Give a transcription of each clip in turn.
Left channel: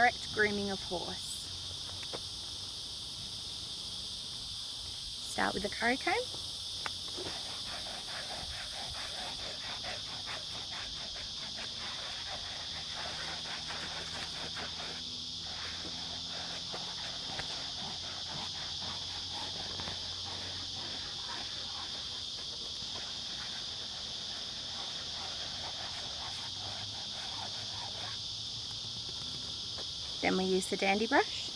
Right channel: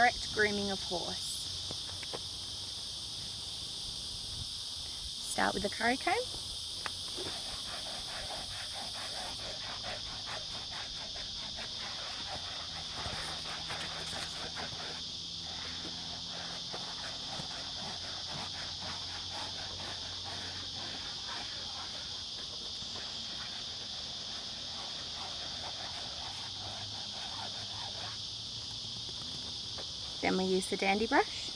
correct grooming of horse. Start with the curry comb. Then we use the dandy brush.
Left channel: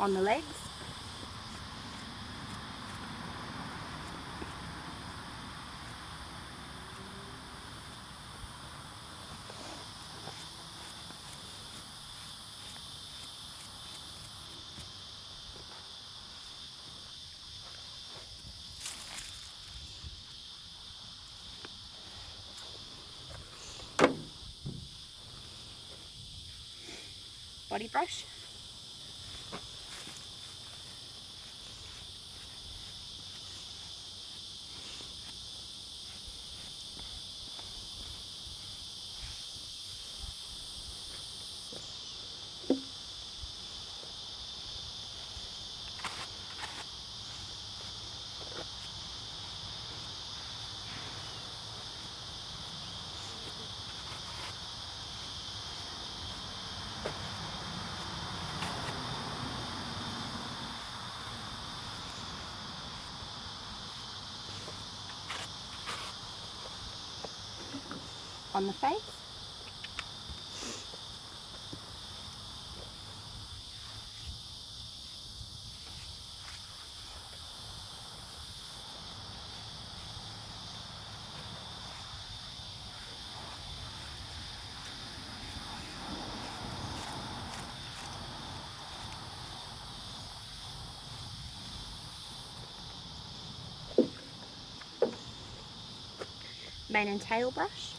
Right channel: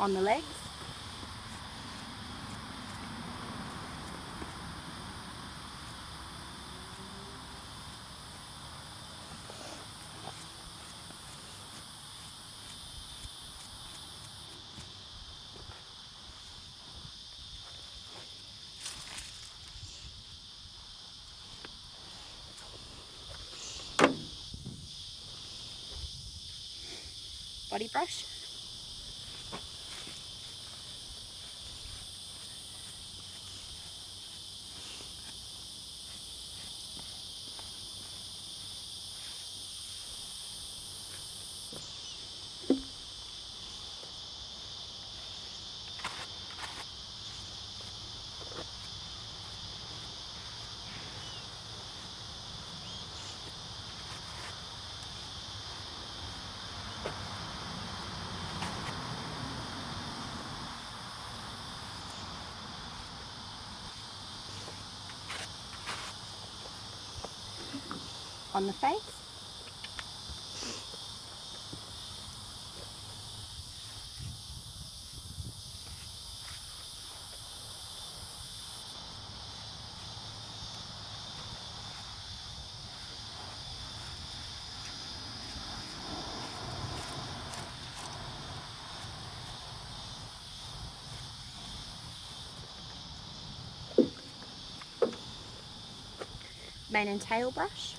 On the legs. Body brush. On the face. Mane and tail brush.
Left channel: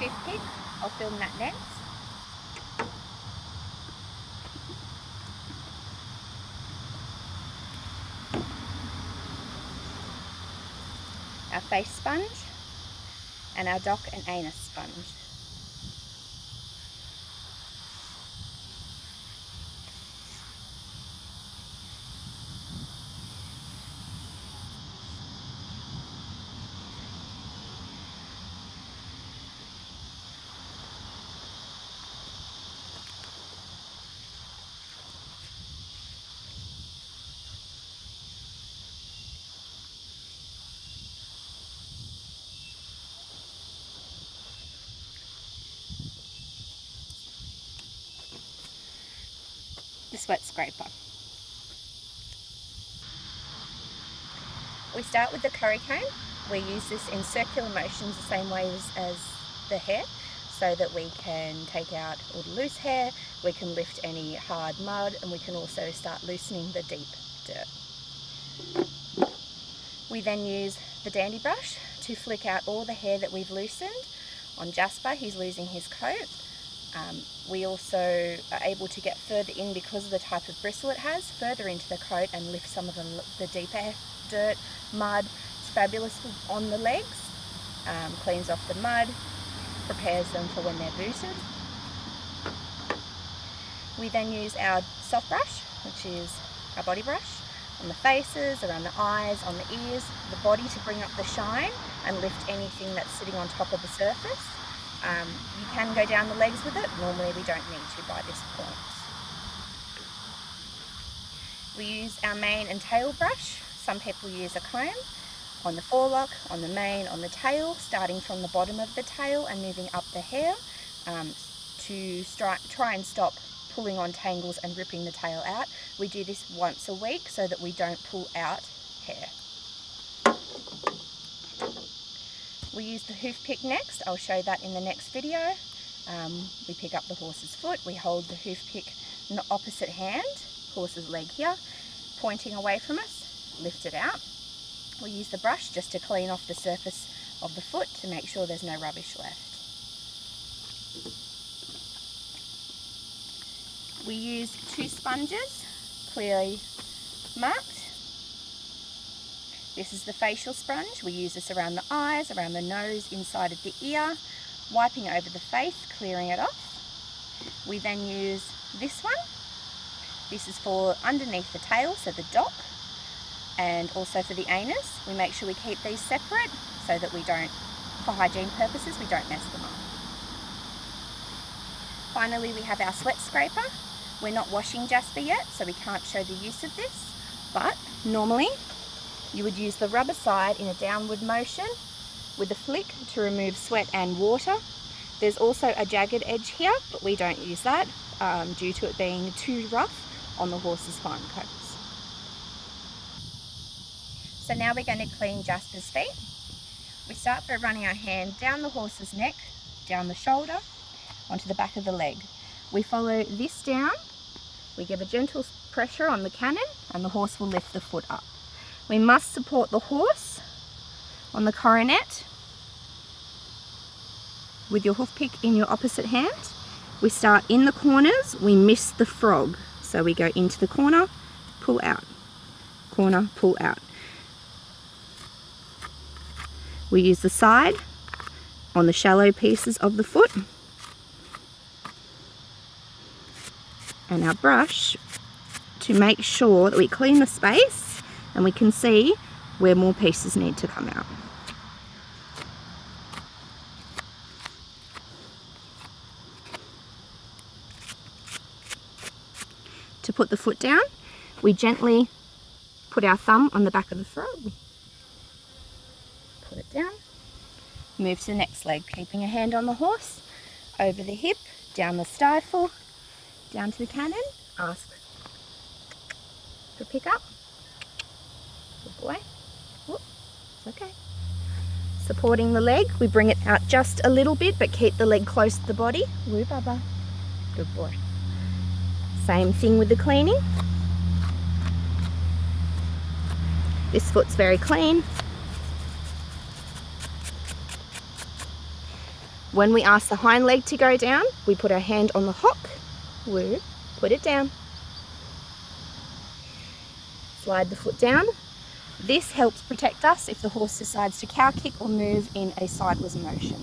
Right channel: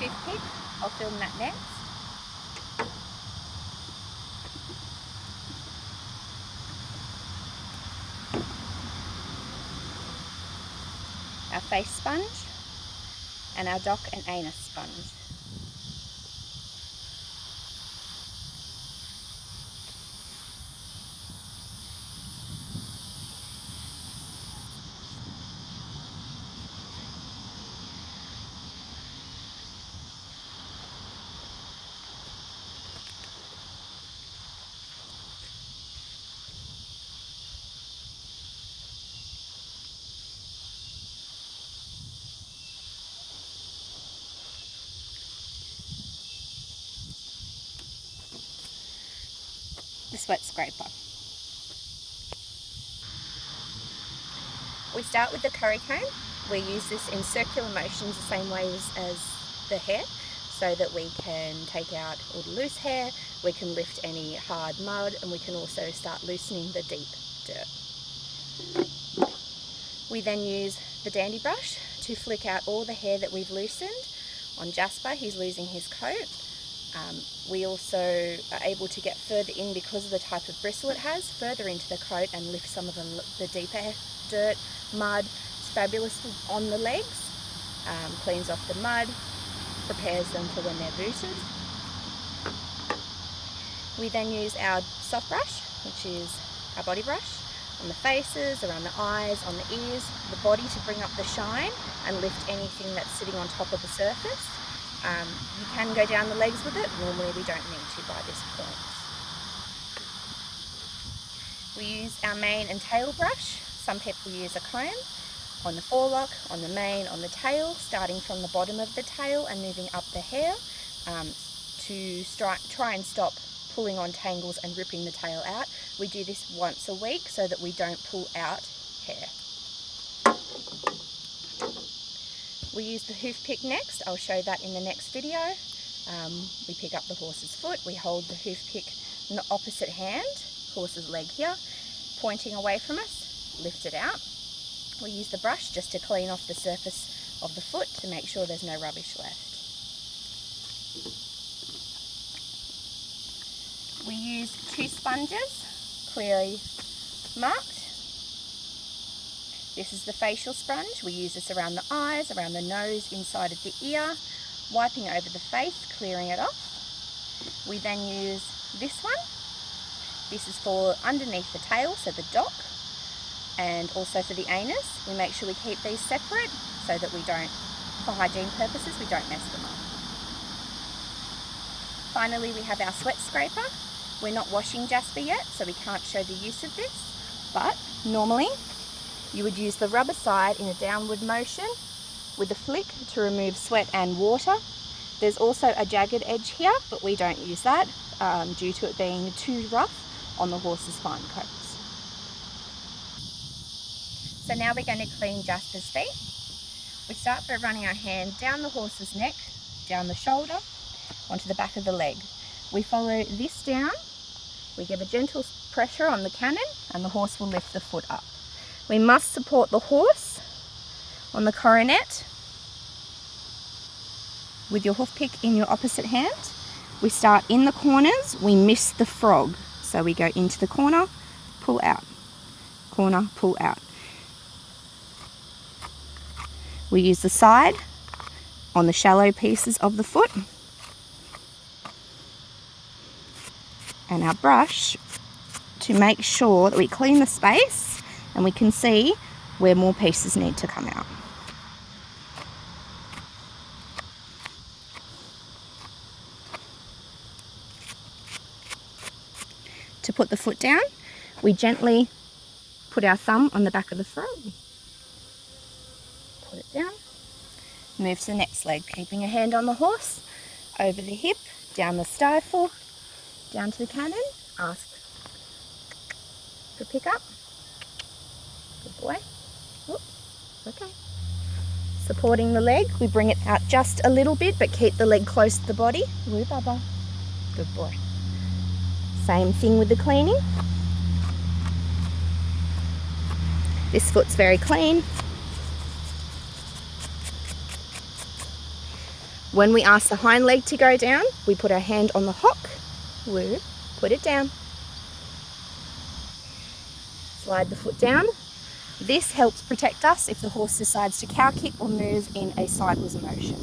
Toothpick. I'll film that next. Our face sponge and our dock and anus sponge. the sweat scraper. We start with the curry comb. We use this in circular motions the same way as the hair, so that we can take out all the loose hair, we can lift any hard mud, and we can also start loosening the deep dirt. We then use the dandy brush to flick out all the hair that we've loosened. On Jasper, he's losing his coat. We also are able to get further in, because of the type of bristle it has, further into the coat and lift some of the deeper dirt, mud. It's fabulous on the legs, cleans off the mud, prepares them for when they're booted. We then use our soft brush, which is our body brush, on the faces, around the eyes, on the ears, the body, to bring up the shine and lift anything that's sitting on top of the surface. You can go down the legs with it. Normally we don't need to by this point. We use our mane and tail brush. Some people use a comb on the forelock, on the mane, on the tail, starting from the bottom of the tail and moving up the hair to try and stop pulling on tangles and ripping the tail out. We do this once a week so that we don't pull out hair. We use the hoof pick next. I'll show that in the next video. We pick up the horse's foot. We hold the hoof pick in the opposite hand, horse's leg here, pointing away from us, lift it out. We use the brush just to clean off the surface of the foot to make sure there's no rubbish left. We use 2 sponges, clearly marked. This is the facial sponge. We use this around the eyes, around the nose, inside of the ear, wiping over the face, clearing it off. We then use this one. This is for underneath the tail, so the dock, and also for the anus. We make sure we keep these separate so that we don't, for hygiene purposes, we don't mess them up. Finally, we have our sweat scraper. We're not washing Jasper yet, so we can't show the use of this, but normally you would use the rubber side in a downward motion with a flick to remove sweat and water. There's also a jagged edge here, but we don't use that due to it being too rough on the horse's fine coats. So now we're going to clean Jasper's feet. We start by running our hand down the horse's neck, down the shoulder, onto the back of the leg. We follow this down, we give a gentle pressure on the cannon, and the horse will lift the foot up. We must support the horse on the coronet with your hoof pick in your opposite hand. We start in the corners, we miss the frog. So we go into the corner, pull out, corner, pull out. We use the side on the shallow pieces of the foot, and our brush to make sure that we clean the space and we can see where more pieces need to come out. To put the foot down, we gently put our thumb on the back of the frog, put it down, move to the next leg, keeping a hand on the horse, over the hip, down the stifle, down to the cannon, ask for pick up. Good boy. Whoop. Okay. Supporting the leg, we bring it out just a little bit, but keep the leg close to the body. Woo, Baba. Good boy. Same thing with the cleaning. This foot's very clean. When we ask the hind leg to go down, we put our hand on the hock. Woo, put it down. Slide the foot down. This helps protect us if the horse decides to cow kick or move in a sideways motion.